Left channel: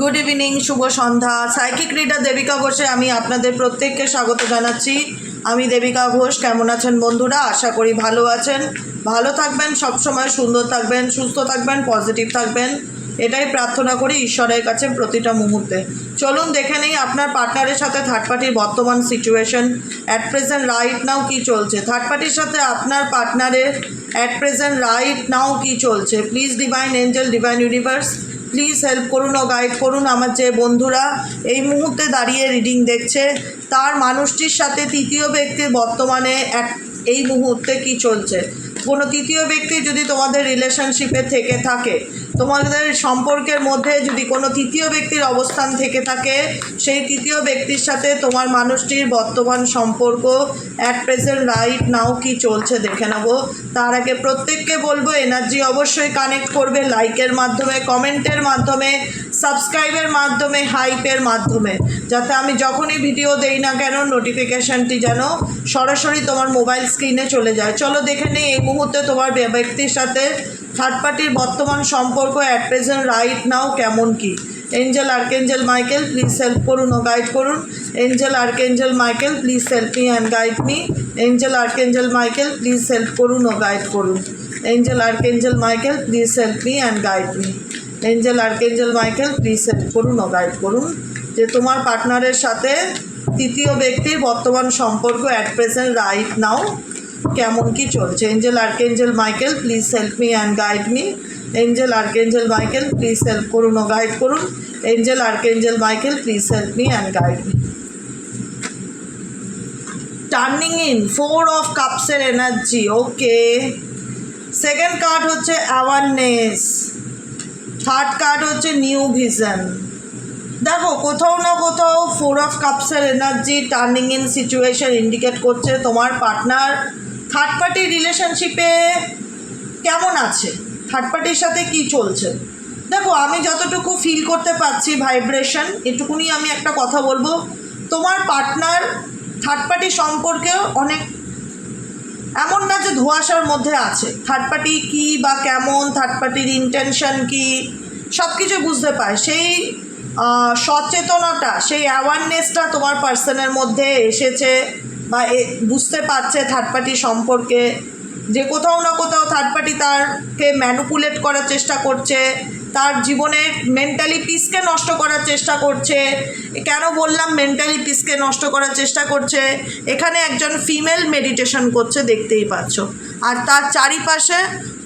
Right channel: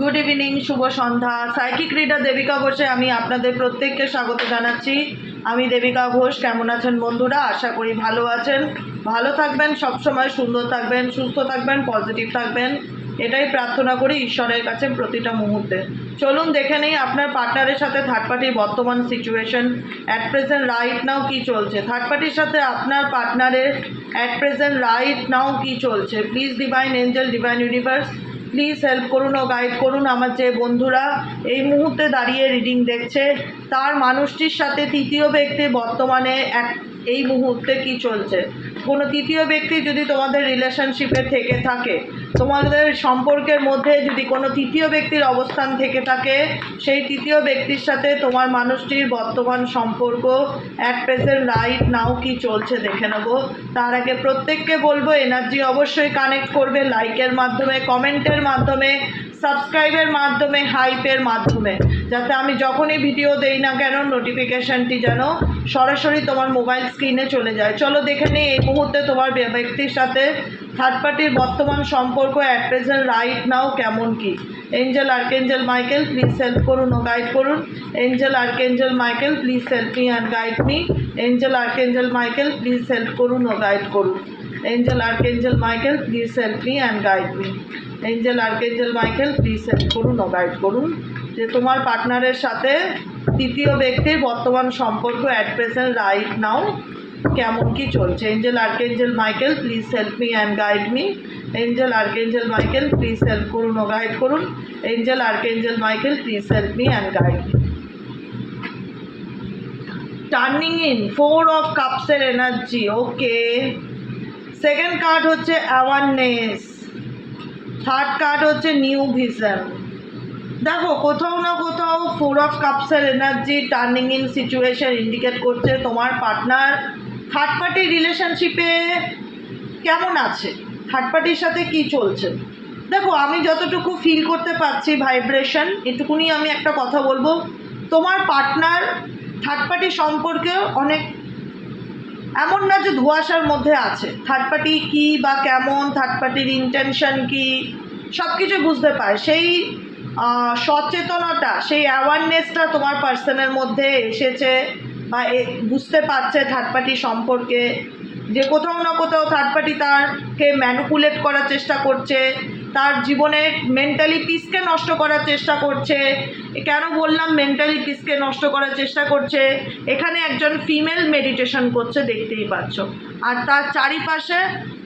Good evening, শুভ সন্ধ্যা। Psychic reader Devika ঘোষে আমি আপনাদের প্রত্যেককে স্বাগত জানাচ্ছি। আমি দেবিকা ঘোষ। কেমন আছেন বন্ধুরা? আশা করি ভালো আছেন, ভালো থাকবেন, সবসময় সুন্দর থাকবেন, সুস্থ থাকবেন, পজিটিভ থাকবেন, এটাই প্রার্থনা করি ঈশ্বরের কাছে প্রতিটা মুহূর্তে। চলুন দেখে নেই আপনার পার্টনারের সাথে থার্ড পার্টির বর্তমান situation at present right now কী চলছে। থার্ড পার্টির সাথে আপনার পার্টনারের অ্যাট প্রেজেন্ট রাইট নাও কী চলছে। Please divine angel, divine universe, please help করুন ও গাইড করুন আমার যে বন্ধুরা এই মুহূর্তে দাঁড়িয়ে রিডিং দেখছে তার মানুষটির সাথে তৃতীয় ব্যক্তির বর্তমানে এই মুহূর্তে কি চলছে। কোনো তৃতীয় ব্যক্তি যদি তোমাদের রিলেশনশিপে থেকে থাকে, তোমাদের সম্পর্কের মধ্যে যদি কোনো তৃতীয় ব্যক্তির অবস্থান থেকে থাকে, সেই তৃতীয় ব্যক্তির সাথে তোমার মানুষটির বর্তমান সম্পর্ক অ্যাট প্রেজেন্ট রাইট নাও কি চলছে দেখে নেব। তার আগে প্রত্যেককে বলবো এনার্জি অবশ্যই কানেক্ট করবে লাইকের মাধ্যমে, কমেন্টের মাধ্যমে, সাবস্ক্রাইবের মাধ্যমে, হাইপের মাধ্যমে, যাতে আমি যখনই ভিডিও দেই না কেন নোটিফিকেশানটি যেন সরাসরি তোমার মোবাইল স্ক্রিনে চলে যায়। চলো দেখে নিই এই মুহূর্তে তোমার ব্যক্তির সাথে থার্ড পার্টির বর্তমান সম্পর্ক অ্যাট প্রেজেন্ট রাইট নাও কেমন কি। Angel archangel Michael please help করুন ও গাইড করুন। Angel archangel Michael please help me and guide me. Angel archangel Michael please help করুন ও গাইড করুন। Angel archangel Michael please help me and guide me. Angel archangel Michael please help করুন ও guide করুন যে তোমার পার্টনারের সাথে তৃতীয় ব্যক্তির বর্তমান সম্পর্ক অ্যাট প্রেজেন্ট রাইট নাও কেমন কি চলছে। Angel archangel Michael please help me and guide me. Angel archangel Michael please help করুন ও গাইড করুন। Angel archangel Michael please help me and guide me. Turning in 4 of কাপসের এনার্জি। ওকে, সেকেন্ড কার্ড হচ্ছে awareness, third card হচ্ছে new vision. দেখো কোথাও না কোথাও 4 অফ কাপসের energy turning in situation indicate করছে তোমার পার্টনার থার্ড পার্টির রিলেশনশিপে কেমন আছে, থার্ড পার্টির সাথে কি চলছে। দেখো আমি যতটুকু ফিল করতে পারছি ভাইব্রেশন, এটুকুনি আমি একটা কথা বলবো, তোমার পার্টনার থার্ড পার্টি সম্পর্কে অনেক এমন না যে ধোঁয়াশার মধ্যে আছে। থার্ড পার্টি কী বা কেমন, থার্ড পার্টির ইন্টেনশন কী, সব কিছু বুঝতে পারে। সেই সচেতনতা, সেই অ্যাওয়ারনেসটা তোমার পার্সনের মধ্যে এসেছে বা বুঝতে পারছে থার্ড পার্টি সম্পর্কে যে কোথাও না কোথাও থার্ড পার্টি তারকে ম্যানিপুলেট করার চেষ্টা করছে, তার জীবনের মেন্টালি পিসকে নষ্ট করার চেষ্টা করছে। কেন বললাম মেন্টালি পিসকে নষ্ট করার চেষ্টা করছে? এখানে একজন ফিমেল মেডিটেশন করছে দেখতেই পাচ্ছ, আর তার চারিপাশে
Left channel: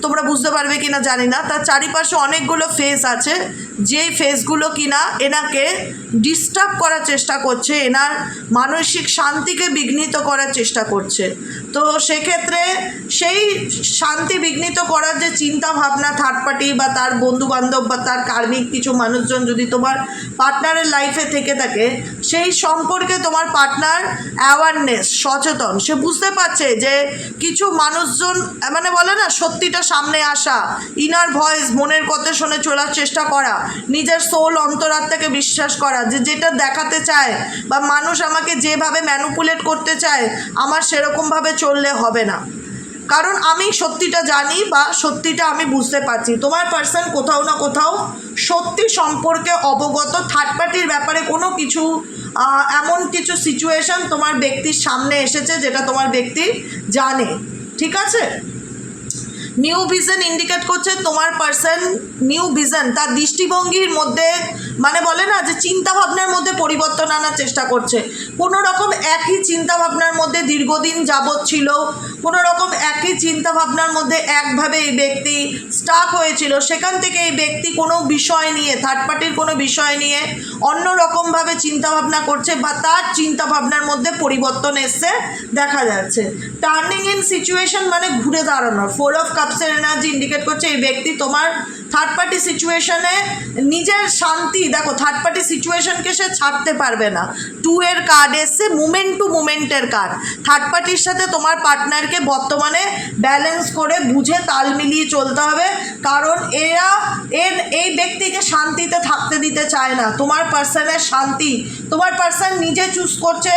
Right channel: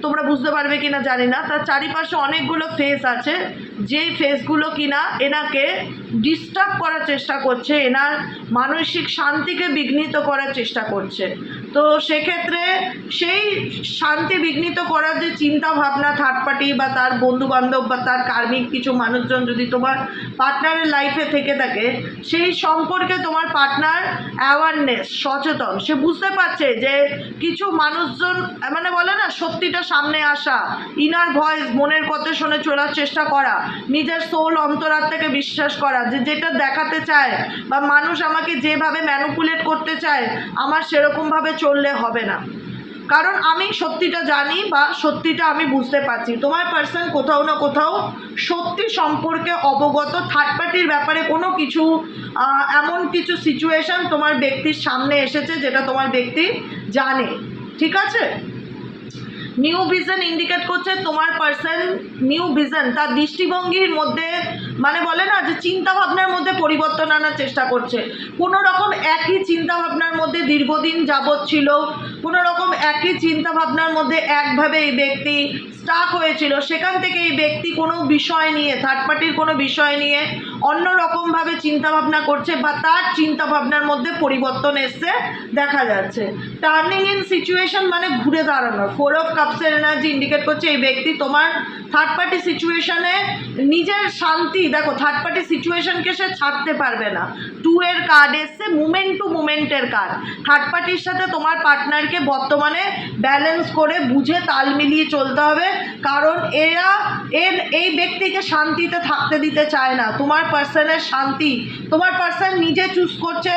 তোমরা বুঝতে পারবে কিনা জানি না, তার চারিপাশে অনেকগুলো ফেস আছে, যেই ফেসগুলো কিনা এনাকে ডিস্টার্ব করার চেষ্টা করছে, এনার মানসিক শান্তিকে বিঘ্নিত করার চেষ্টা করছে। তো সেক্ষেত্রে সেই শান্তি বিঘ্নিত করার যে চিন্তা ভাবনা থার্ড পার্টি বা তার বন্ধুবান্ধব বা তার কার্মিক কিছু মানুষজন যদি তোমার পার্টনারের লাইফে থেকে থাকে, সেই সম্পর্কে তোমার পার্টনার অ্যাওয়ারনেস, সচেতন, সে বুঝতে পারছে যে কিছু মানুষজন মানে বলে না সত্যিটা সামনে আসা, ইনার ভয়েস, মনের কথা শুনে চলার চেষ্টা করা, নিজের সোল অন্তরাত্মাকে বিশ্বাস করা যে যেটা দেখাতে চায় বা মানুষ আমাকে যেভাবে ম্যানিপুলেট করতে চায় আমার সেরকমভাবে চললে হবে না, কারণ আমি সত্যিটা জানি বা সত্যিটা আমি বুঝতে পারছি। তোমার পার্সন কোথাও না কোথাও সত্যি সম্পর্কে অবগত, থার্ড পার্টির ব্যাপারে কোনো কিছু এমন কিছু সিচুয়েশন তোমার ব্যক্তির সামনে এসেছে যেটা তোমার ব্যক্তি জানে, ঠিক আছে। নিউ ভিশন ইন্ডিকেট করছে তোমার পার্সন নিউ ভিশন, তার দৃষ্টিভঙ্গির মধ্যে মানে বলে না যে চিন্তাভাবনার মধ্যে পরিবর্তন আনার চেষ্টা করছে। কোনো রকম একই চিন্তাভাবনার মধ্যে দীর্ঘদিন যাবৎ ছিল, কোনো রকম একই চিন্তাভাবনার মধ্যে একভাবে এই ব্যক্তি স্টাক হয়েছিল, সেখান থেকে এই ব্যক্তি কোনো বিষয় নিয়ে, থার্ড পার্টির কোনো বিষয় নিয়ে অন্য রকমভাবে চিন্তাভাবনা করছে বা তার চিন্তাভাবনার মধ্যে পরিবর্তন এসছে দেখা যাচ্ছে। টার্নিং ইন সিচুয়েশন মানে ঘুরে দাঁড়ানো। 4 অফ কাপসের এনার্জি ইন্ডিকেট করছে এই ব্যক্তি তোমার থার্ড পার্টি সিচুয়েশনে নিজের শান্তি, দেখো থার্ড পার্টি সিচুয়েশনকে সে ছাড়তে পারবে না। 2 এর কার্ড এসছে, মুমেন্ট টু মুমেন্টের কার্ড। থার্ড পার্টির সাথে তোমার পার্টনারকে বর্তমানে ব্যালেন্স করে বুঝে তাল মিলিয়ে চলতে হবে, কারণ এই ব্যক্তিকে শান্তিতে থাকতে দিতে চায় না। তোমার পার্সনের শান্তি, তোমার পার্সন নিজে চুজ করছে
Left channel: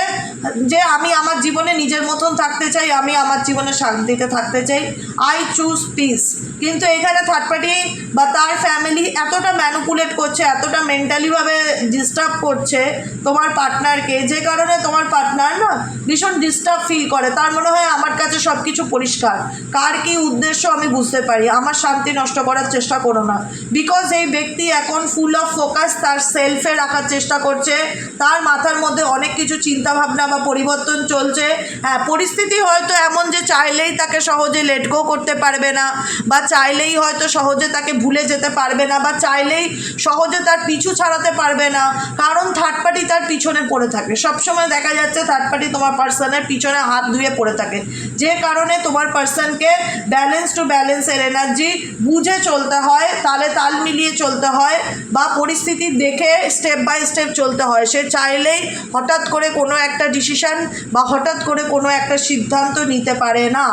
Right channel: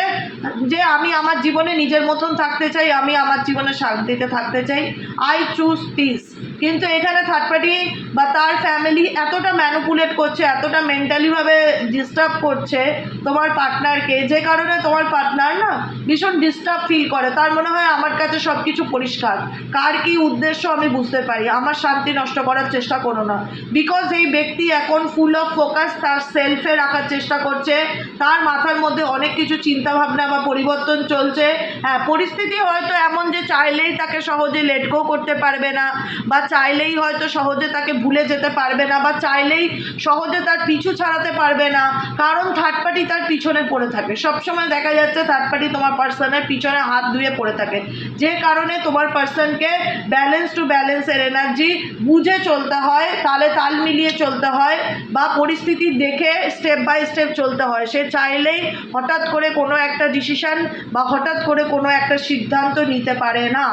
যে আমি আমার জীবনে নিজের মতন থাকতে চাই, আমি আমার জীবনে শান্তিতে থাকতে চাই, আই চুজ পিস। কিন্তু এখানে থার্ড পার্টি বা তার ফ্যামিলি এতটা ম্যানিপুলেট করছে, এতটা মেন্টালিভাবে ডিস্টার্ব করছে তোমার পার্টনারকে, যে কারণে তোমার পার্টনার না ভীষণ ডিস্টার্ব ফিল করে। তার মনে হয় আমার কাছে সব কিছু পরিষ্কার, কার কী উদ্দেশ্য আমি বুঝতে পারি, আমার শান্তি নষ্ট করার চেষ্টা করো না। বিকজ এই ব্যক্তি এখন ফুল অফ ফোকাস তার সেলফে রাখার চেষ্টা করছে, তার মাথার মধ্যে অনেক কিছু চিন্তাভাবনা বা পরিবর্তন চলছে। হ্যাঁ, পরিস্থিতি হয়তো এমন যে চাইলেই তাকে সহজে লেট গো করতে পারবে না, বা চাইলেই হয়তো সহজে তাকে ভুলে যেতে পারবে না, বা চাইলেই সহজে তার পিছু ছাড়াতে পারবে না, কারণ থার্ড পার্টি তার পিছনে পড়ে থাকে। সবসময় দেখা যাচ্ছে থার্ড পার্টি তোমার পার্সনের পিছনে হাত ধুয়ে পড়ে থাকে, যে কারণে তোমার পার্সনকে ব্যালেন্স টু ব্যালেন্সের এনার্জি বুঝে চলতে হয়, তালে তাল মিলিয়ে চলতে হয়, বা পরিস্থিতি দেখে স্টেপ বাই স্টেপ চলতে হয়। সে চাইলেই হঠাৎ করে কোনো একটা ডিসিশন বা হঠাৎ করে কোনো একটা সিদ্ধান্ত নিতে পারে না।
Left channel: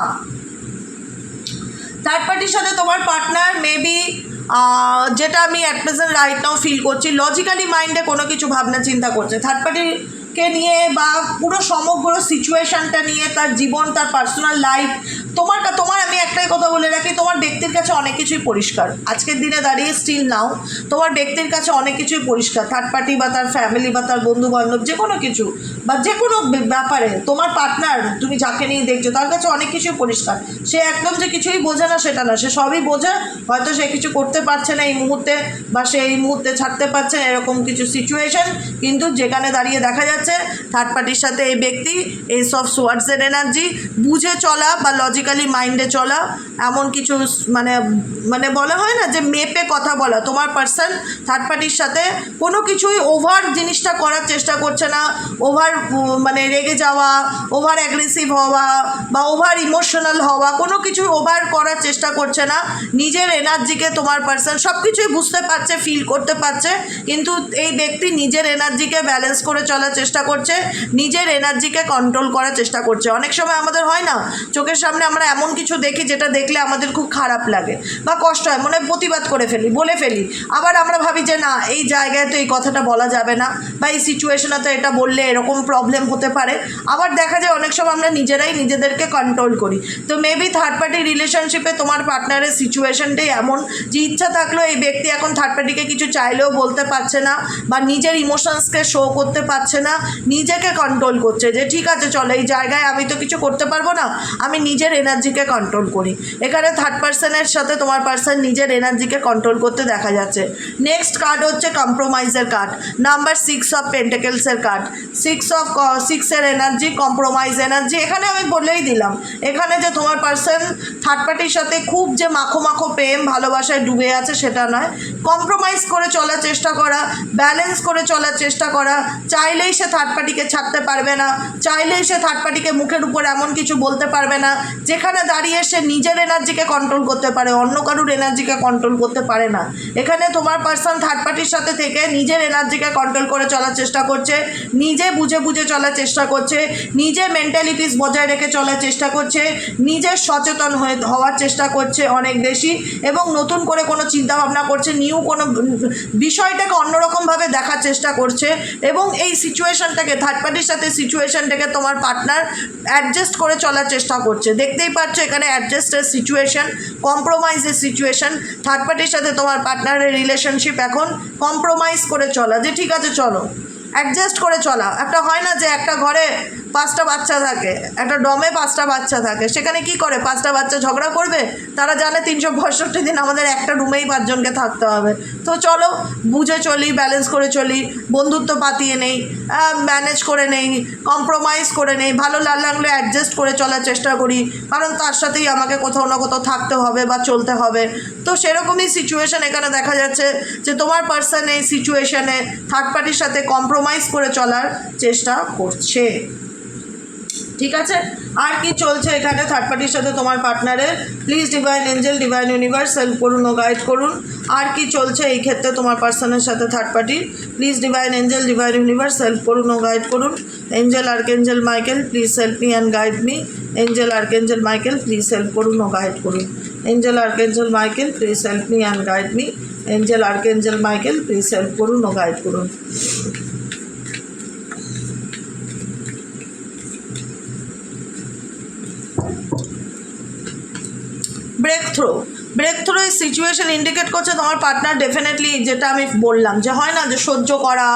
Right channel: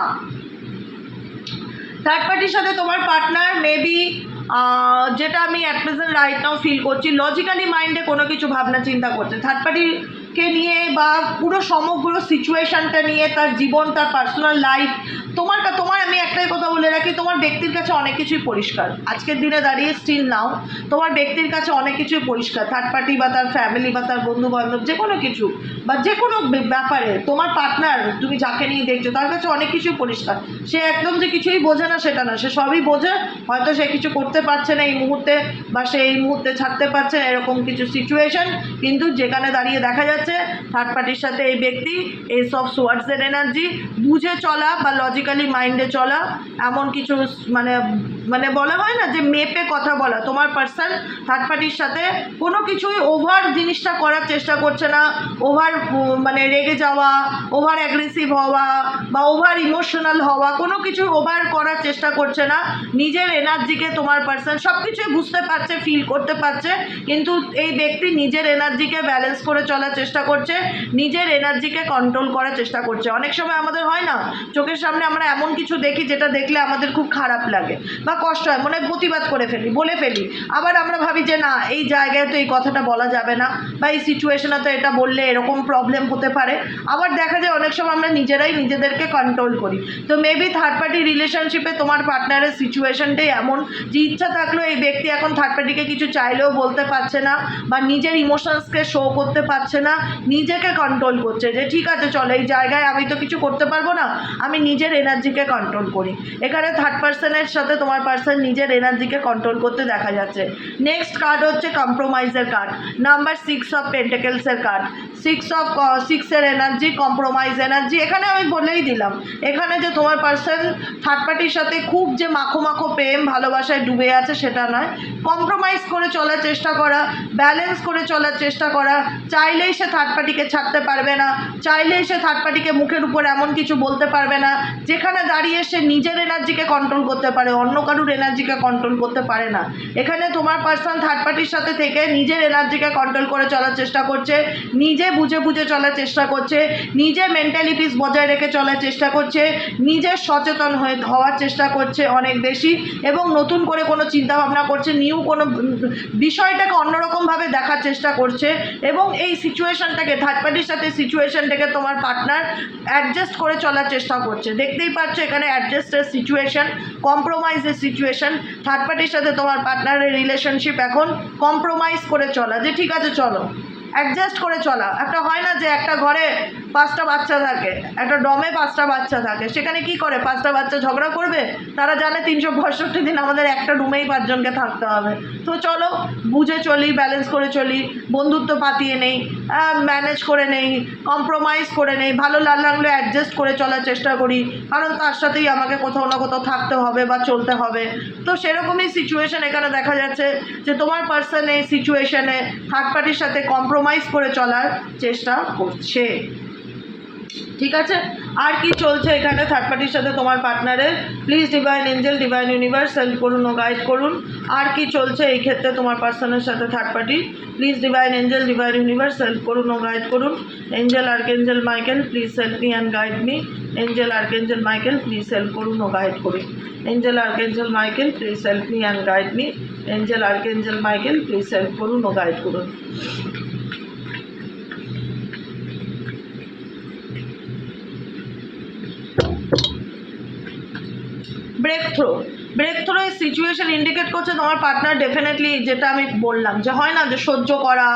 থার্ড পার্টির সাথে তোমার পার্টনার মেবি যেটা আমি at present right now feel করছি, লজিক্যালি মাইন্ডে কোনো কিছু ভাবনা চিন্তা করছে থার্ড পার্টিকে নিয়ে, বা পুরো সমগ্র সিচুয়েশানটা নিয়ে, তার জীবন, তার পার্সোনাল লাইফ। তোমার আমি একটাই কথা বলে রাখি, তোমার ব্যক্তির কাছে অনেক কিছুই পরিষ্কার। আজকের দিনে দাঁড়িয়ে স্টিল নাও তোমার ব্যক্তির কাছে অনেক কিছুই পরিষ্কার। থার্ড পার্টি বা তার ফ্যামিলি বা তার বন্ধু বান্ধব যে কোনো কিছু বা যে কোনো ব্যাপারে তোমার পার্টনার, তুমি যাকে নিয়ে দেখছো তার কাছে অনেক কিছুই পরিষ্কার। সে একদম যে কিছুই বোঝে না সেটা না, সে সবই বোঝে। হয়তো সে কিছু করতে পারছে না এই মুহূর্তে, বা সে এই মুহূর্তে ছাড়তে পারছে না, এরকম কিছু সিচুয়েশন। কিন্তু যেখানে দাঁড়িয়ে দেখা যাচ্ছে থার্ড পার্টির সাথে এই ব্যক্তি এস অফ সোয়ার্ডসের এনার্জি বুঝে চলা বা লজিক্যালি মাইন্ডে চলা, এমন কিছু মানে বলা হয় না যে মেপে কথা বলা। তোমার পার্সন থার্ড পার্টির সাথে কোনো কিছুই ওভার জিনিসটা করার চেষ্টা করছে না, ওভার মানে রেগে যাওয়া, ওভার অ্যাগ্রেসিভ হওয়া বা ওভার ইমোশনাল হওয়া, কোনো কিছু ওভার করার চেষ্টা করছে না। নিজের এনার্জিকে তোমার পার্সন সব কিছুই বুঝতে পারছে, ফিল করতে পারছে, কিন্তু এই ব্যক্তি নিজের এনার্জিকে ব্যালেন্স করে চলার চেষ্টা করছে, নিজের এনার্জিকে কন্ট্রোল করার চেষ্টা করছে। অনেক সময় আমাদের হয় না, চোখের সামনে আমরা এমন কিছু দেখি যেটা দেখলে আমাদের খুব খারাপ লাগে বা কষ্ট হয়, মনে প্রতিবাদ করে ফেলি, বলে ফেলি। আবার আমরা ভাবি যে না, এই জায়গায় তো এই কথাটা বলা যাবে না, বা এই সিচুয়েশনে তো এটা বললে এরকম প্রবলেম হতে পারে। আবার দেখা যায় অনেক সময় আমরা নিজেরাই নিজেদেরকে কন্ট্রোল করি। তো মেবি থার্ড পার্টি রিলেশনশিপে তোমার পার্টনারের সিচুয়েশনটাই এমন যে ইচ্ছা থাকলেও এই ব্যক্তি এখন থার্ড পার্টিকে কিছু চাইলেও বলতে পারছে না, বা নিজের ইমোশনসকে শো করতে পারছে না, নিজেকে কন্ট্রোল করছে যে ঠিক আছে চলো, এই জায়গায় আমি তো কিছু করতে পারবো না, আমি নিজের এনার্জিকে কন্ট্রোল করি। এখানে থার্ড পার্সনের সাথে তোমার পার্সন নিজের এনার্জিকে কন্ট্রোল করতে দেখা যাচ্ছে। নেক্সট কার্ড হচ্ছে কম্প্রোমাইজের কার্ড, নাম্বার 6 অফ পেন্টাকেলসের কার্ড। 6 এনার্জি, কম্প্রোমাইজ এনার্জি। এখানে আমি বলেই দিলাম এখানে যে তোমার পার্সন থার্ড পার্টির সাথে খুব যে মাখো মাখো প্রেম ভালোবাসায় ডুবে আছে সেটা নয়, কম্প্রোমাইজ করে চলার চেষ্টা করা, ব্যালেন্স করে চলার চেষ্টা করা। চাইলেই সে থার্ড পার্টিকে ছাড়তে পারবে না, চাইলেই সে থার্ড পার্টিকে মুখের উপর এমন কিছু বলতে পারবে না যেখানে দাঁড়িয়ে সে নিজের এনার্জিকে কন্ট্রোল করতে পারে, অন্য কারুর এনার্জিকে কন্ট্রোল করতে পারে না। এখানে তোমার পার্সন থার্ড পার্টির সাথে থেকে নিজের এনার্জিকে কন্ট্রোল করে চলার চেষ্টা করছে, নিজে বুঝে বুঝে চলার চেষ্টা করছে, নিজে মেন্টালি পিস বজায় রেখে চলার চেষ্টা করছে, নিজে সচেতন হওয়ার চেষ্টা করছে অনেক বেশি, এবং নতুন করে কোনো চিন্তাভাবনা করছে, নিউ কোনো বিষয়টাকে অন্যরকমভাবে দেখার চেষ্টা করছে। এবং এই সিচুয়েশনটাকে থার্ড পার্টির সাথে সিচুয়েশনটাকে তোমার পার্টনার অ্যাডজাস্ট করে চলার চেষ্টা করছে। দেখতেই পাচ্ছ এখানে অ্যাডজাস্টের সিচুয়েশন, কম্প্রোমাইজের সিচুয়েশন। থার্ড পার্টির সাথে তোমার পার্টনারের রিলেশনশিপ এখন কম্প্রোমাইজ করে চলা, যে ঠিক আছে চলো অ্যাডজাস্ট করে চলা। একটা হয় না যে একটা ঘরে 5টা বাচ্চা থাকে, একটা ডমে 5টা বাচ্চা থাকে, সেখানে কি করে 5টা বাচ্চা ঝগড়া করবে? তারা জানে 365 দিন আমাদের একটা রুমেই 5 জনকে থাকতে হবে। তো চলো বুঝে চলি, ব্যালেন্স করে চলি, বন্ধুত্ব পাতিয়ে নেই, ম্যানেজ করে নেই, কম্প্রোমাইজ করে নেই, ভালো লাগলে অ্যাডজাস্ট করে চলার চেষ্টা করি, কারণ তার সাথেই আমাকে কোথাও না কোথাও থাকতে হবে বা চলতে হবে। তো সেরকমই সিচুয়েশন এখানে দেখা যাচ্ছে যে তোমার পার্সন এই সিচুয়েশনে থার্ড পার্টির সাথে কম্প্রোমাইজ করে চলার চেষ্টা করছে। ঠিক আছে, আর কি চলছে এখানে থার্ড পার্টির সাথে তোমার পার্টনারের? Please divine angel, divine universe help করুন ও গাইড করুন। আর কি চলছে এই ক্ষেত্রে তোমার পার্সনের সাথে third party? Please divine angel, divine universe help করুন ও গাইড করুন। Angel archangel Michael please help me and guide me. Angel archangel Michael please help করুন ও গাইড করুন। Angel archangel Michael please help me and guide me. Angel archangel Michael please help করুন ও guide করুন। Breakthrough, breakthrough এই situation indicate করছে তোমার partner definitely, যেটা আমি বললাম যে হয় না যে সহ্য করা,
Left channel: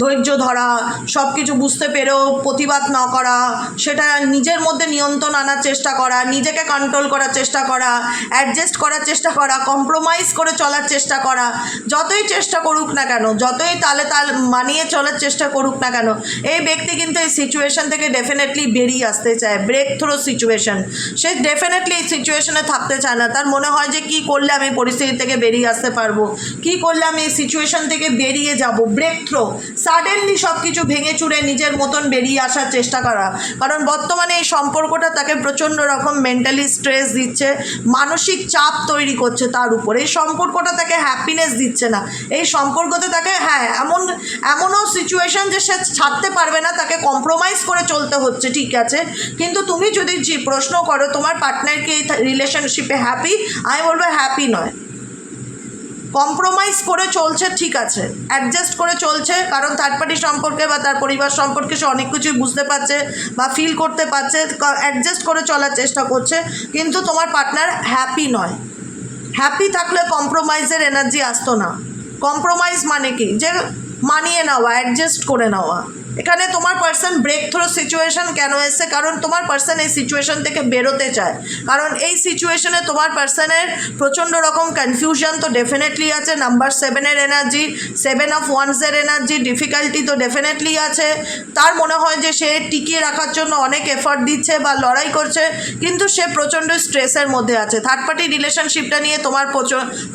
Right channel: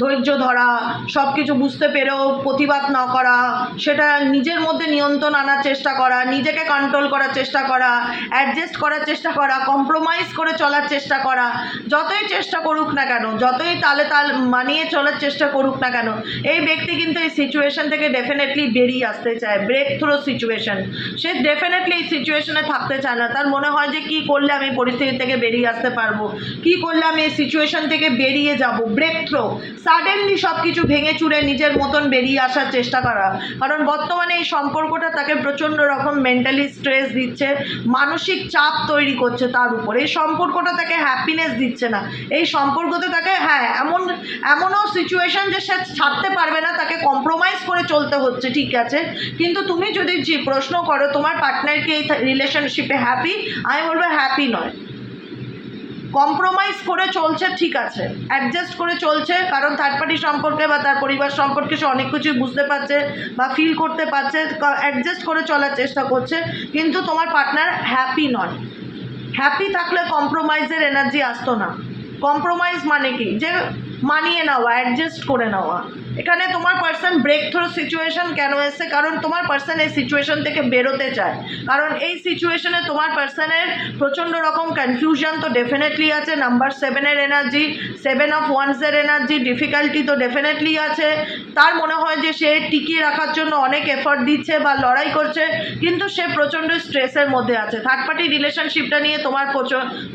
ধৈর্য ধরা, সব কিছু বুঝতে পেরেও প্রতিবাদ না করা, সেটা নিজের মধ্যে নিয়ন্ত্রণ আনার চেষ্টা করা, নিজেকে কন্ট্রোল করার চেষ্টা করা, অ্যাডজাস্ট করার চেষ্টা করা, কম্প্রোমাইজ করে চলার চেষ্টা করা, যতই চেষ্টা করুক না কেন, যতই তালে তাল মানিয়ে চলার চেষ্টা করুক না কেন, এই ব্যক্তি কিন্তু এই সিচুয়েশন থেকে ডেফিনেটলি বেরিয়ে আসতে চায়। ব্রেক থ্রু সিচুয়েশন, সে ডেফিনেটলি এই সিচুয়েশনে থাকতে চায় না। তার মনে হয় যে কী করলে আমি পরিস্থিতি থেকে বেরিয়ে আসতে পারবো, কী করলে আমি এই সিচুয়েশন থেকে বেরিয়ে যাব। ব্রেক থ্রু, সাডেনলি সব কিছু ভেঙে চুরে নিজের মতন বেরিয়ে আসার চেষ্টা করা। কারণ বর্তমানে এই সম্পর্কটা তাকে প্রচণ্ড রকম মেন্টালি স্ট্রেস দিচ্ছে, মানসিক চাপ তৈরি করছে তার উপরে। এই সম্পর্কটা তাকে হ্যাপিনেস দিচ্ছে না। এই সম্পর্কতে তাকে এমনও সিচুয়েশন যে সে ছাড়তে পারবে না, তাকে কম্প্রোমাইজ করে চলতে হচ্ছে, ঠিক আছে। কিন্তু তুমি যদি প্রশ্ন করো তোমার পার্টনার কি এই রিলেশনশিপে হ্যাপি, আমি বলবো হ্যাপি নয়। কম্প্রোমাইজ করে চলছে, ঠিক আছে, অ্যাডজাস্ট করে চলছে, কারণ থার্ড পার্টি সম্পর্কে বা তার পরিবার সম্পর্কে সে অনেক কিছুই বুঝতে পারছে বা ফিল করতে পারছে, অ্যাডজাস্ট করে চলার চেষ্টা করছে, কিন্তু তোমার পার্টনার হ্যাপি নয়। হ্যাপি থাকলে কম্প্রোমাইজের এনার্জি আসতো না। কম্প্রোমাইজ মানে কি, যে মানিয়ে নেওয়া, অ্যাডজাস্ট করে নেওয়া। এখানে তোমার পার্সন ব্রেক থ্রু সিচুয়েশন কেন এসছে, কারণ তোমার পার্সন এই সিচুয়েশন থেকে বেরোতে চায়। কারণ এই সিচুয়েশনে তোমার পার্সনের প্রচণ্ড রকম কনফিউশন তো ডেফিনেটলি আছে, নাম্বার 7-এর এনার্জি, 7 অফ ওয়ান্সের এনার্জি, ডিফিকাল্টি তো ডেফিনেটলি আছে। তার মনে হয় যে সে টিকিয়ে রাখার জন্য অনেক এফর্ট দিচ্ছে বা লড়াই করছে, কিন্তু সে প্রচণ্ড স্ট্রেসের মধ্যে আছে। থার্ড পার্টি রিলেশনশিপটা নিয়ে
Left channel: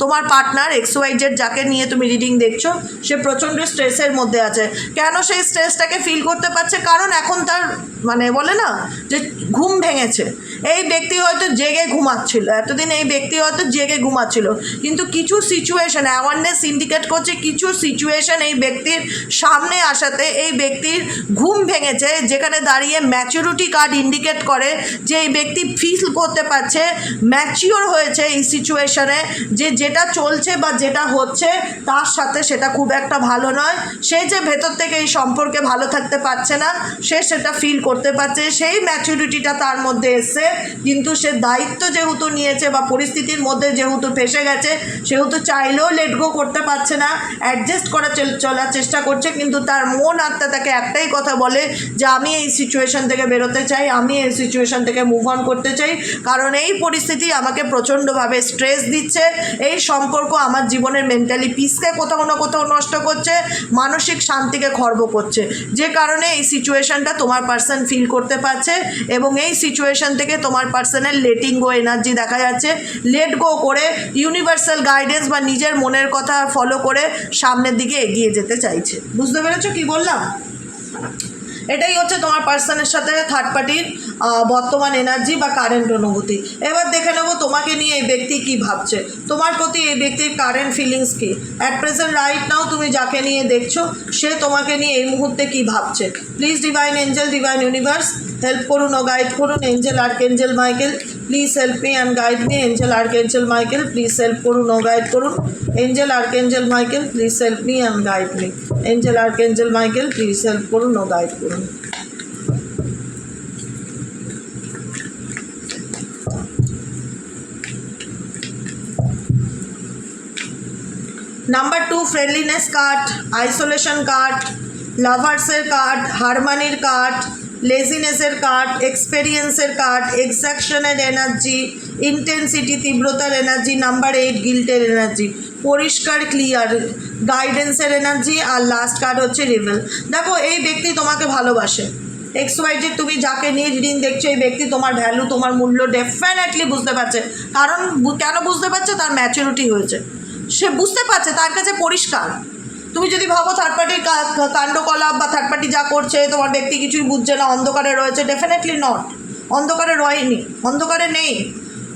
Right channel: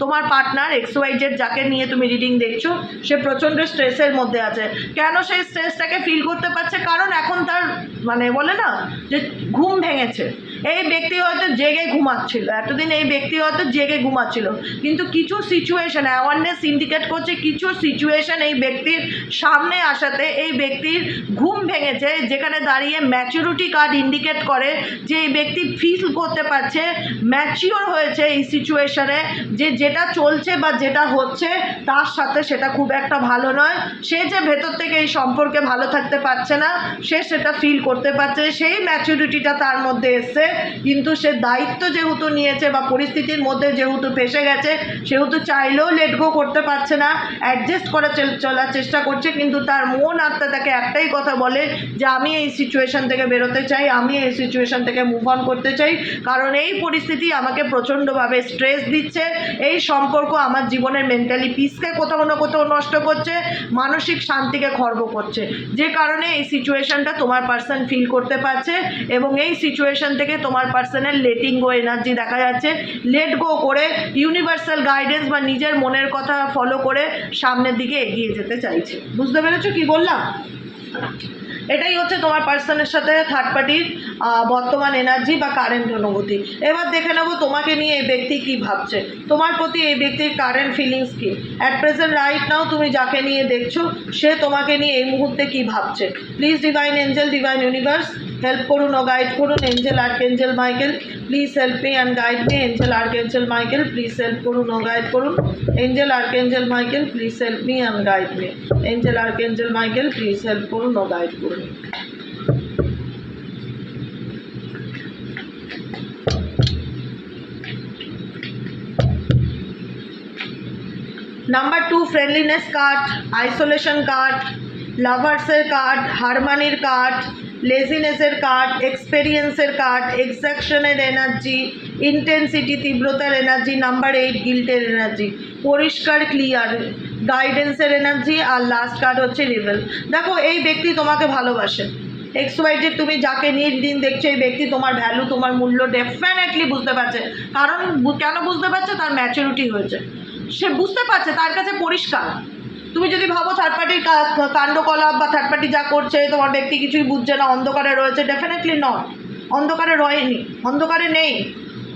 তোমার পার্টনার XYZ, যাকে নিয়ে তুমি রিডিং দেখছো, সে প্রচণ্ড স্ট্রেসের মধ্যে আছে। কেন সেই স্ট্রেসটাকে ফিল করতে পারছে, কারণ এখন তার বলে না যে ঘুম ভেঙেছে। এই ব্যক্তি হয়তো জেগে ঘুমাচ্ছিল এতদিন, এই ব্যক্তি হয়তো জেগে ঘুমাচ্ছিল, কিন্তু কিছু সিচুয়েশন অ্যাওয়ারনেস ইন্ডিকেট করছে, কিছু সিচুয়েশন এই ব্যক্তির সামনে আসাতে এই ব্যক্তির ঘুম ভেঙেছে, যেখানে দাঁড়িয়ে ম্যাচুরিটি কার্ড ইন্ডিকেট করে যে এই ব্যক্তি ফিল করতে পারছে, ম্যাচিওর হয়েছে এই সিচুয়েশনে, যে যেটা চলছে বা যেটা হচ্ছে তার সাথে সেটা খুব একটা ভালো নয়। সে যে ভেতর থেকে এই সম্পর্কে ভালো থাকতে পারছে না, সে সেটা ফিল করতে পারছে, সেই ম্যাচুরিটিটা তার মধ্যে এসছে। কিন্তু সে দায়িত্ব যেহেতু নিয়েছে বা পরিস্থিতির মধ্যে যেহেতু ফেসে গেছে, সেহেতু চাইলেও লেট গো করতে পারছে না, অ্যাডজাস্ট করে চলার চেষ্টা করছে, কিন্তু তার মন আত্মা তাকে একটাই কথা বলে যে আমি এই সিচুয়েশন থেকে বেরোতে চাই, আমি এই সিচুয়েশন থেকে মুভ অন করতে চাই, কারণ এই পরিস্থিতি আমাকে প্রচণ্ডভাবে স্ট্রেস দিচ্ছে, এই সম্পর্ক আমার জীবনের মেন্টালি পিসকে কোথাও না কোথাও নষ্ট করছে, মানসিক শান্তিকে খর্ব করছে, যে কারণে এই সিচুয়েশনটা তোমার পার্সন ফিল করতে পারছে। এবং এই সিচুয়েশন থেকে তোমার পার্সনের লেটিং গো এনার্জি দেখা যাচ্ছে, লেট গো করে ইউনিভার্সাল গাইডেন্স বা নিজের মনের কথা ফলো করে সামনের দিকে এগিয়ে যেতে চাইছে। বুঝতে পেরেছো কি বললাম? এটাই হচ্ছে তোমার পার্সনের সাথে থার্ড পার্টির বর্তমান এনার্জি বা কারেন্ট অনুভূতি। এবার দেখে নেবো তোমাকে নিয়ে এই ব্যক্তি কী ভাবছে, তোমার প্রতি এই ব্যক্তির কারেন্ট ফিলিংস কী। অ্যাট প্রেজেন্ট রাইট নাও তুমি যাকে নিয়ে দেখছো, সে তোমাকে নিয়ে এই মুহূর্তে কী ভাবছে। Please divine angel, divine universe help করুন ও গাইড করুন। Angel archangel Michael please help me and guide me. Angel archangel Michael please help করুন ও গাইড করুন। Angel archangel Michael please help me and guide me. Angel archangel Michael please help করুন ও guide করুন। Number 2 friendliness card, isolation card, লাভার্সের card, হারমানির card, লেজিনেসের card, এক্সপেরিয়েন্সের কার্ড, এক্সাকশনের এনার্জি, ইন্টেন্সিটি তীব্রতার এনার্জি, নাম্বার 8 গিল্টের এনার্জি, পরিষ্কার ক্লিয়ার গাইডেন্সের এনার্জি, আর লাস্ট কার্ড হচ্ছে রিভেল। দেখো এই ব্যক্তি তোমাকে ভালোবাসে। XYZ তুমি যাকে নিয়ে রিডিং দেখছো, এই ব্যক্তি তোমার ভ্যালু, তোমার মূল্য ডেফিনেটলি বুঝতে পারছে। কারণ কেন বুঝতে পারছে, তার ম্যাচুরিটি হয়েছে, সে বুঝতে পারছে, তার কাছে পরিষ্কার। তুমি যদি ভাবো থার্ড পার্টির কাণ্ডকলাপ বা থার্ড পার্টি যা করছে তোমার ব্যক্তি কিছুই বুঝছে না, অন্ধকারে রয়েছে, ডেফিনেটলি নট। অন্ধকারে রয়নি, অন্ধকারে নেই,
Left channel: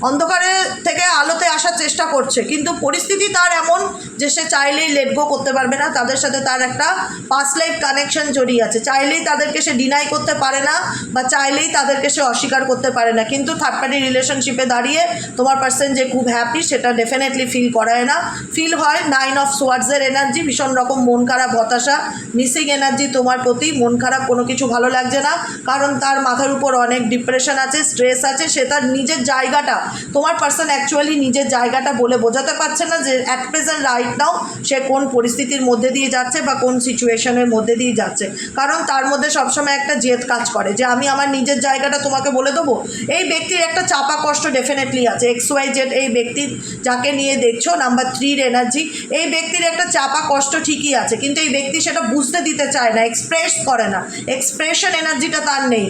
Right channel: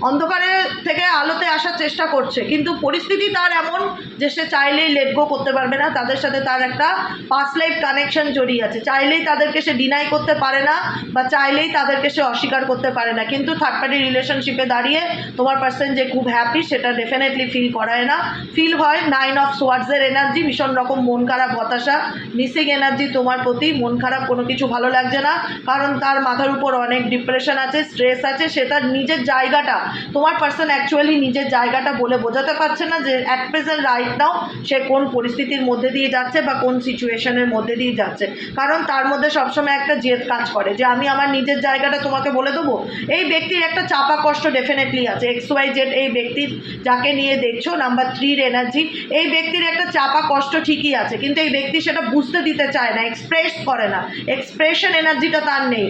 অন্ধকারে থেকে আলোতে আসার চেষ্টা করছে, কিন্তু পরিস্থিতি তার এমন যে সে চাইলেই লেট গো করতে পারবে না, তাদের সাথে তার একটা পাস্ট লাইফ কানেকশন জড়িয়ে আছে, চাইলেই তাদেরকে সে ডিনাই করতে পারে না বা চাইলেই তাদেরকে সে অস্বীকার করতে পারে না। কিন্তু থার্ড পার্টি রিলেশনশিপে দাঁড়িয়ে তোমার পার্সন যে খুব হ্যাপি সেটা ডেফিনেটলি ফিল করায় না, ফিল হয় 9 অফ সোয়ার্ডসের এনার্জি, ভীষণ রকম মন খারাপ, হতাশা, মিসিং এনার্জি তোমার প্রতি, মন খারাপ, কোনো কিছু ভালো লাগছে না, কারণ তার মাথার উপর অনেক ডিপ্রেশন আছে, স্ট্রেস আছে, সে তার নিজের জায়গাটা, তোমার পার্সন অ্যাকচুয়ালি নিজের জায়গাটা বলে বোঝাতে পারছে না যে অ্যাট প্রেজেন্ট রাইট নাও সে কোন পরিস্থিতির মধ্যে দিয়ে যাচ্ছে বা কোন সিচুয়েশনের মধ্যে দিয়ে যাচ্ছে, কারণ তার মধ্যে সবসময় একটা জেদ কাজ করে যে আমি আমার নিজের জায়গাটা তোমাকে বলে দেবো। এই ব্যক্তির একটা চাপা কষ্ট ডেফিনেটলি আছে, XYZ এই ব্যক্তির যাকে নিয়ে দেখছো নাম্বার 3 এনার্জি, এই ব্যক্তির একটা চাপা কষ্ট ঠিকই আছে, কিন্তু এই ব্যক্তি সেটা বুঝতে দিতে চায় না, এক্সপ্রেস করে না, এক্সপ্রেশন এনার্জিটা তার নেই,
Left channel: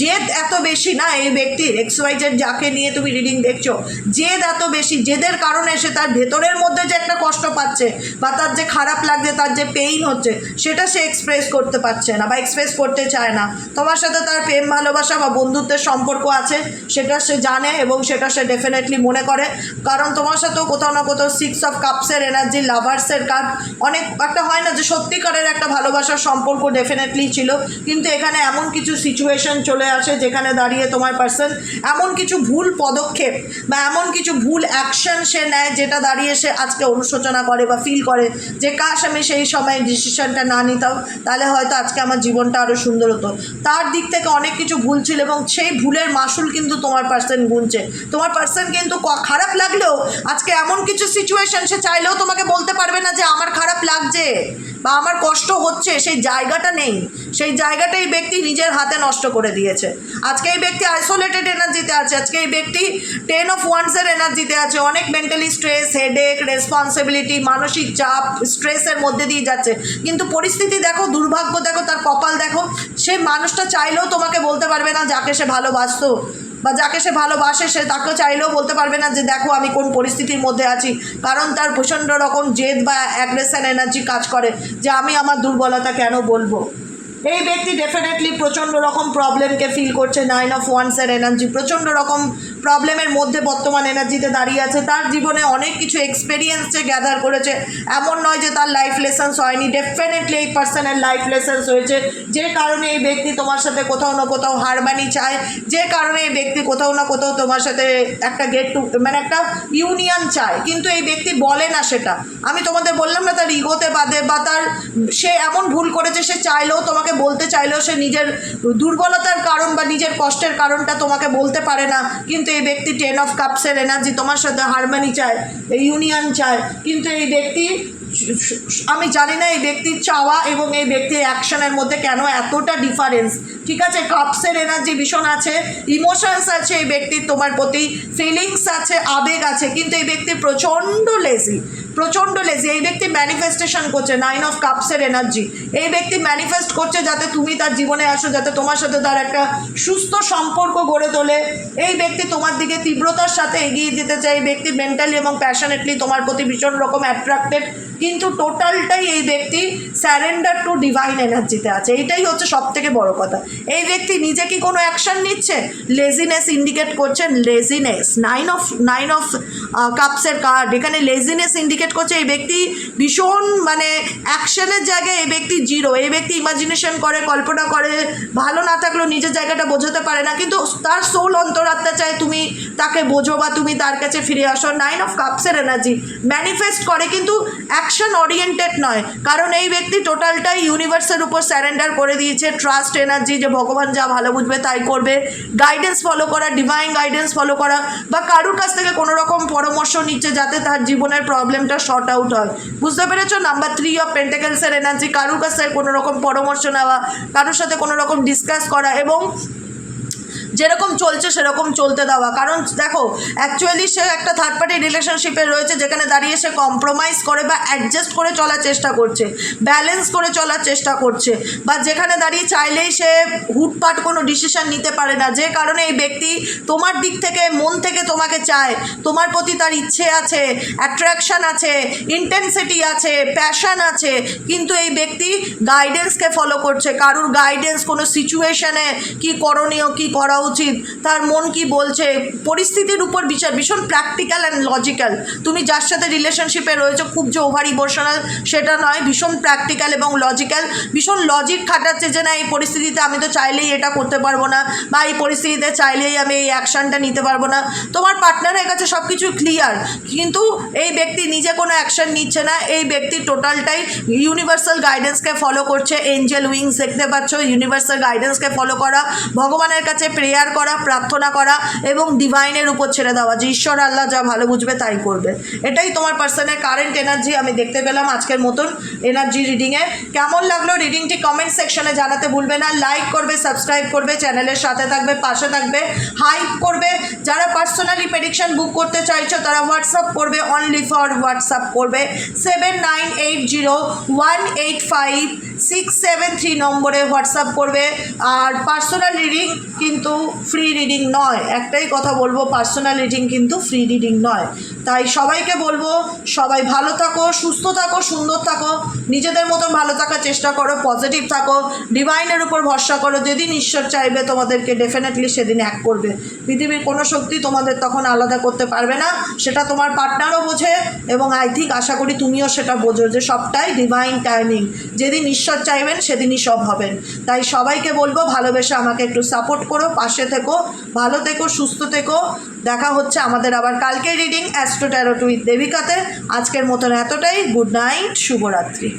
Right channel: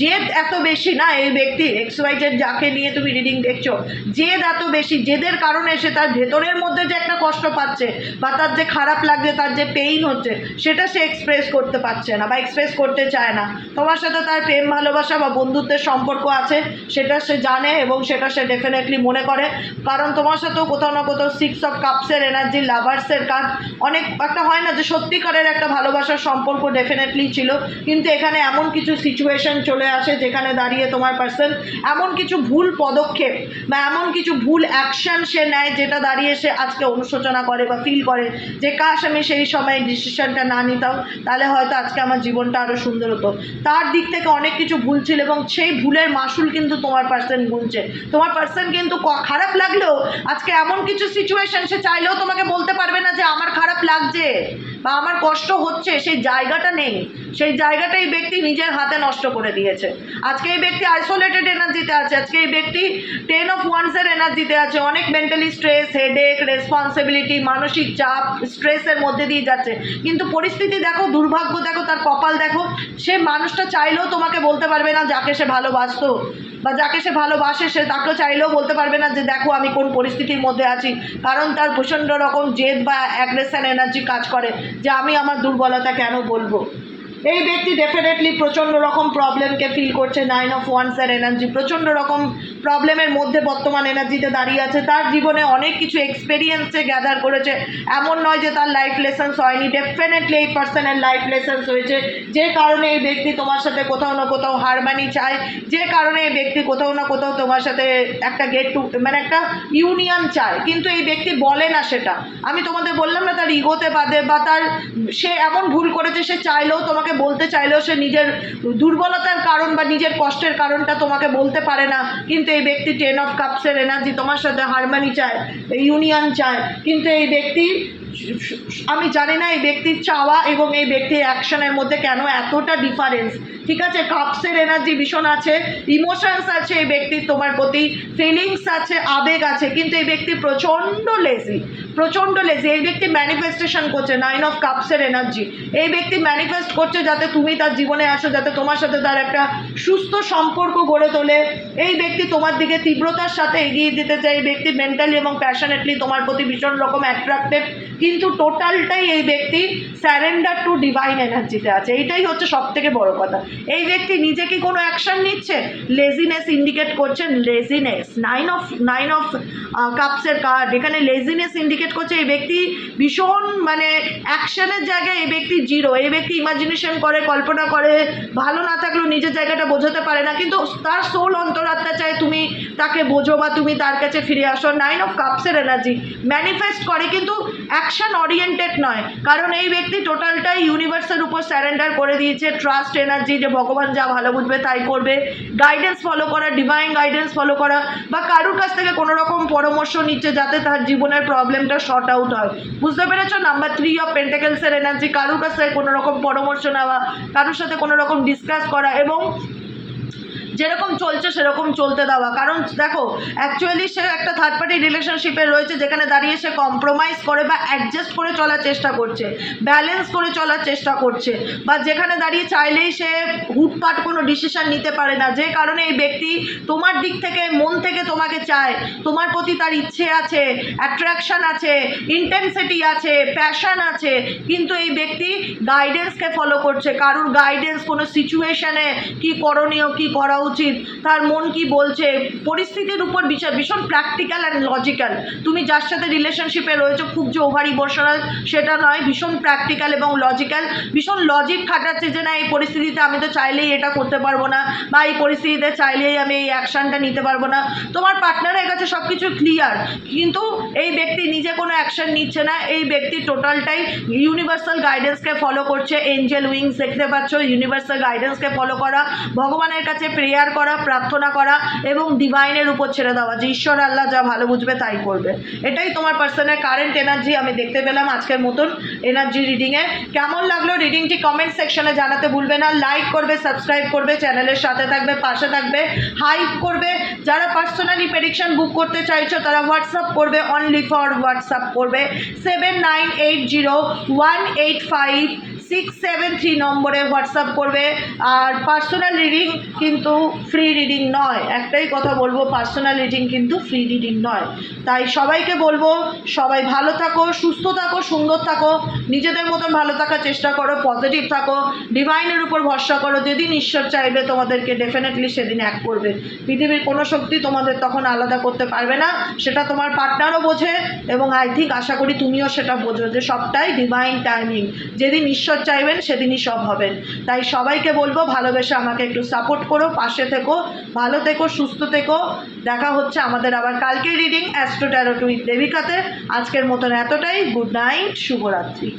জেদ এত বেশি না এই ব্যক্তির, XYZ যাকে নিয়ে তুমি রিডিং দেখছো জেদ এত বেশি, জেদের কারণে সে তার ভেতরের মধ্যে যে একটা কষ্ট পাচ্ছে বা তার যে খারাপ লাগছে, তার যে পেইন হচ্ছে সেটা সে এক্সপ্রেস করতে পারছে না বা এক্সপ্রেস করতে চায় না। তোমার সাথে তার প্রেম ভালোবাসা বা বন্ধুত্বের সম্পর্ক আছে সেটা সে জানে এবং সেটা সে ডেফিনেটলি মনে করে, কারণ তোমার সাথেও কোথাও না কোথাও 6 অফ কাপসের এনার্জি, লাভার্সের কার্ড, অনেক একটা হয় না যে সত্যিকারের একটা ভালোবাসার সম্পর্ক ডেফিনেটলি ছিল, কিন্তু এখানে এমন কিছু সিচুয়েশন চলে আসে যেখানে দাঁড়িয়ে তোমার পার্সন এমন কিছু ভুল পদক্ষেপ বা এমন কিছু ভুল অ্যাকশন সে নেয় যেটা দাঁড়িয়ে সে আজকে অনুশোচনা করে বা ফিল করে যে কাশ আমি সেই সময় ডিসিশনটা না নিতাম, তাহলে হয়তো আজকে আমার জীবনটা আরও সুন্দর হতো। তার দিক থেকে অনেক কিছু ভুল ছিল এবং সেই ভুলের মাসুল কিন্তু তোমার পার্সন গুনছে। তোমার পার্সন কিন্তু খারাপ লাগলেও আজকে এমন কিছু সিচুয়েশন সে চাইলেও তোমাকে বলতে পারবে না যে আমার খারাপ লাগছে বা আমার কষ্ট হচ্ছে, সেই জায়গাটা নেই, সেই জায়গাটা এই ব্যক্তি নিজের হাতে নষ্ট করে দিয়েছে। আজকে এই ব্যক্তি আইসোলেটেড এনার্জিতে আছে, আজকে এই ব্যক্তি 10 অফ ওয়ান্সের এনার্জিতে আছে, অনেক মেন্টালি স্ট্রেস, হেডেক, রেসপন্সিবিলিটি, মানসিক চাপ, স্ট্রেসের মধ্যে দিয়ে যাচ্ছে, কিন্তু পরিস্থিতি দেখো, দুর্ভাগ্য দেখো, তার কপাল দেখো, সে মানুষটা চাইলেও তোমাকে বলতে পারবে না যাকে সে ভালোবাসতো বা যাকে সে ভালোবাসে সে তাকে চাইলেও বলতে পারবে না যে দেখো আমি কোন পরিস্থিতির মধ্যে আছি, কারণ তার প্রচণ্ড রকম জেদ বা অ্যাগ্রেশন এনার্জি কাজ করে যে আমি আমার দুর্বলতা কেন বলবো। এই ব্যক্তি ডেফিনেটলি প্রচণ্ড রকম প্রবলেমকে ফিল করছে, 9 অফ ওয়ান্সের এনার্জি, প্রচণ্ড রকম প্রবলেমের মধ্যে বর্তমান এনার্জিতে দাঁড়িয়ে আছে, তার জীবনে অনেক কিছু এক্সপেরিয়েন্স সে গ্যাদার করেছে, এমন নয় যে তার লাইফ লেসেন্স হয়নি, ডেফিনেটলি এই পার্সনের লাইফ লেসেন্স হয়েছে, যে কারণে এই ব্যক্তি তোমার সাথে কোথাও না কোথাও হারমানি চায়, যে কারণে এই ব্যক্তি কোথাও না কোথাও তোমার সাথে একটা গেট টু মানে একটা ইউনিয়ন চায়, কিন্তু এই ব্যক্তি বলে না সেটা। আমি তোমাদের বললাম না তার ইগোতে বাদে বা তার সে এমন ভুল করেছে, সে চাইলেও তোমাকে বলতে চাইলেও সে নিজের দুর্বলতার কারণ বা নিজের কষ্টের কারণটা তোমাকে বলতে পারে না, কিন্তু এই ব্যক্তি 10 অফ কাপসের এনার্জি তোমার সাথে হারমানি চায়, ইউনিয়ন চায়, কিন্তু এই ব্যক্তি আমি জানি না এই ব্যক্তির চাওয়া এবং এই ব্যক্তির অ্যাকশনের মধ্যে কেন এতটা ডিফারেন্স। ঠিক আছে, কাপসের এনার্জি ভীষণ আছে, ইমোশনস আছে এই ব্যক্তির তোমার প্রতি, ফিলিংস আছে, আবেগ আছে, কিন্তু এই ব্যক্তি প্রচণ্ড লেজি, এই ব্যক্তি ম্যানিফেস্টেশন করছে, 9 অফ কাপসের এনার্জি, এই ব্যক্তি ম্যানিফেস্ট করছে যাতে তুমি তার জীবনে আসো, যাতে তোমার সাথে তার একটা সুস্থ সম্পর্ক গড়ে তোলে। এই ব্যক্তি তোমার দিকে তীব্রতার সাথে এগিয়ে যেতে চায়, এই ব্যক্তি মেন্টালি এবং প্যাশনেটলি তোমার প্রতি ভীষণ রকম অ্যাট্রাক্টেড, কিন্তু টোটালটাই এই ব্যক্তি স্যারেন্ডার টু ডিভাইন এনার্জিতে আছে, এইটাই হচ্ছে সব থেকে বড় কথা। এই ব্যক্তি নিজে কি কোনো অ্যাকশন নিচ্ছে? লেজিনেস ইন্ডিকেট করছেন, লেজিনেস, 9 অফ কাপসের কার্ড এখানে লেজিনেস ইন্ডিকেট করছে। এই ব্যক্তি ভীষণ মানে অ্যাকশনের জায়গায় এই ব্যক্তি জিরো, এই ব্যক্তি ইমাজিনেশন করে, কল্পনা করে, ভালো না থাকলেও নিজের জায়গাটা বোঝাতে পারে না, কিন্তু তার সোল অন্তরাত্মা চায় তুমি তাকে বোঝো বা তুমি তার কাছে ফিরে আসো। 9 অফ কাপসের এনার্জি ম্যানিফেস্ট করে কিন্তু অ্যাকশন ওরিয়েন্টেড নয়, কারণ এই ব্যক্তি টোটালটাই ইউনিভার্সের উপর স্যারেন্ডার করে দিয়েছে, ট্রাস্ট এনার্জি, যে ভগবান যা ভালো বুঝবে তাই করবে, গাইডেন্স ফলো করা, ডিভাইন গাইডেন্স ফলো করা, বা কারোর কাছ থেকে কোনো রকম পরামর্শ নিচ্ছে যাতে তার জীবনের প্রবলেমটা শর্ট আউট হয়। বুঝতে পেরেছো? নাম্বার 3 অফ পেন্টাকেলসের এনার্জি, কারোর কাছ থেকে কোনো রকম পরামর্শ নেওয়া, কারোর সাথে কোনো রকম ডিসকাস করা এবং যেরকম চলছে সেরকম চলতে দেওয়া। কারণ দেখো অ্যাকচুয়ালি সে একটা থার্ড পার্টি রিলেশনশিপে রয়েছে যেখানে দাঁড়িয়ে সে কম্প্রোমাইজ করে বা অ্যাডজাস্ট করে চলার চেষ্টা করছে, ব্যালেন্স করে চলার চেষ্টা করছে, বা যেখানে দাঁড়িয়ে চাইলেই সে হুটপাট কোনো ডিসিশন নিতে পারে না, যে কারণে এই ব্যক্তি তোমার দিক থেকে মন থেকে তোমাকে চায়, তোমার প্রতি তার ইচ্ছে আছে, অ্যাট্রাকশন আছে, ইন্টেন্সিটি আছে, প্যাশন আছে, কিন্তু এই ব্যক্তি গাইডেন্সকে ফলো করছে, কারোর গাইডেন্স, কোনো সিচুয়েশনে কি করণীয়, কি করা উচিত, তার মন কি বলছে, পরিস্থিতির উপর বিচার, ভীষণ প্র্যাকটিক্যাল অ্যান্ড লজিক্যাল। তুমি যার সাথে রিলেশনশিপে রয়েছো খুব যে ওভার ইমোশনাল সেটা নয়, ভীষণ প্র্যাকটিক্যাল এবং লজিক্যাল, ভীষণ লজিক খাটাচ্ছে যে না এই পরিস্থিতিতে আমি তো চাইলেই এটা করতে পারবো না, বা এই পরিস্থিতিতে চাইলেই আমি এই অ্যাকশানটা নিতে পারবো না। তোমার পার্টনারের কাছে সব কিছু ক্লিয়ার, কিন্তু এই ব্যক্তি নিজে কোনো অ্যাকশান নিচ্ছে না। এই ব্যক্তি টোটালটাই ইউনিভার্সাল গাইডেন্সকে ফলো করছে। এঞ্জেল উইংস দেখতে পাচ্ছ, ইউনিভার্সাল গাইডেন্সকে ফলো করা, ভগবানের কাছে প্রেয়ার করা, প্রার্থনা করা এবং ডিভাইনের উপর ছেড়ে দেওয়া যে ঈশ্বর আল্লাহ যা ভালো বুঝবে তাই করবে। এটাই তোমার পার্সনের কারেন্ট এনার্জি আমি দেখতে পেলাম আজকের মতন এনার্জি রিডিংয়ে। কেমন লাগলো রিডিংটি কমেন্ট সেকশনে জানাতে ভুলবে না। লাইক করবে, সাবস্ক্রাইব করবে, চ্যানেলের সাথে থাকবে, পাশে থাকবে, হাইপ করবে। যারা পার্সোনালি প্রেডিকশন বুক করতে চাইছো তারা হোয়াটসঅ্যাপ করবে, অনলি ফর হোয়াটসঅ্যাপ করবে 7980185673 নম্বরে হোয়াটসঅ্যাপ করবে। আর পার্সোনাল রিডিং কিন্তু ফ্রি রিডিং নয়, একটাই কথা বলবো, পার্সোনাল রিডিং কিন্তু ফ্রি রিডিং নয়। তাই সবাইকে বলবো সবাই ভালো থাকো, সুস্থ থাকো, সুন্দর থাকো, নিজেদের মতন ভালো থাকার চেষ্টা করো, পজিটিভ থাকো, ডিভাইনের উপর ভরসা করো। যেদিন ঈশ্বর চাইবে তোমাদেরকে ডেফিনেটলি সেদিন এক করবে। পৃথিবীর কোনো শক্তি তোমাদের তখন আলাদা করতে পারবে না, সেটা তোমার পার্টনারও বোঝে এবং আই থিঙ্ক আশা করি তুমিও সেটা বোঝো যে সবটাই ডিভাইন টাইমিং। যেদিন ঈশ্বর চাইবেন সেদিনই সব হবেন। তাই সবাইকে বলবো ভালোবেসে আমাকে একটু সাপোর্ট করো, পাশে থেকো, ভালো থেকো, সুস্থ থেকো। দেখা হচ্ছে আমাদের আবার কালকে রিডিং অ্যাস্ট্রো ট্যারোট উইথ দেবিকাতে। আজকের মতন এতটাই। গুড নাইট, শুভরাত্রি।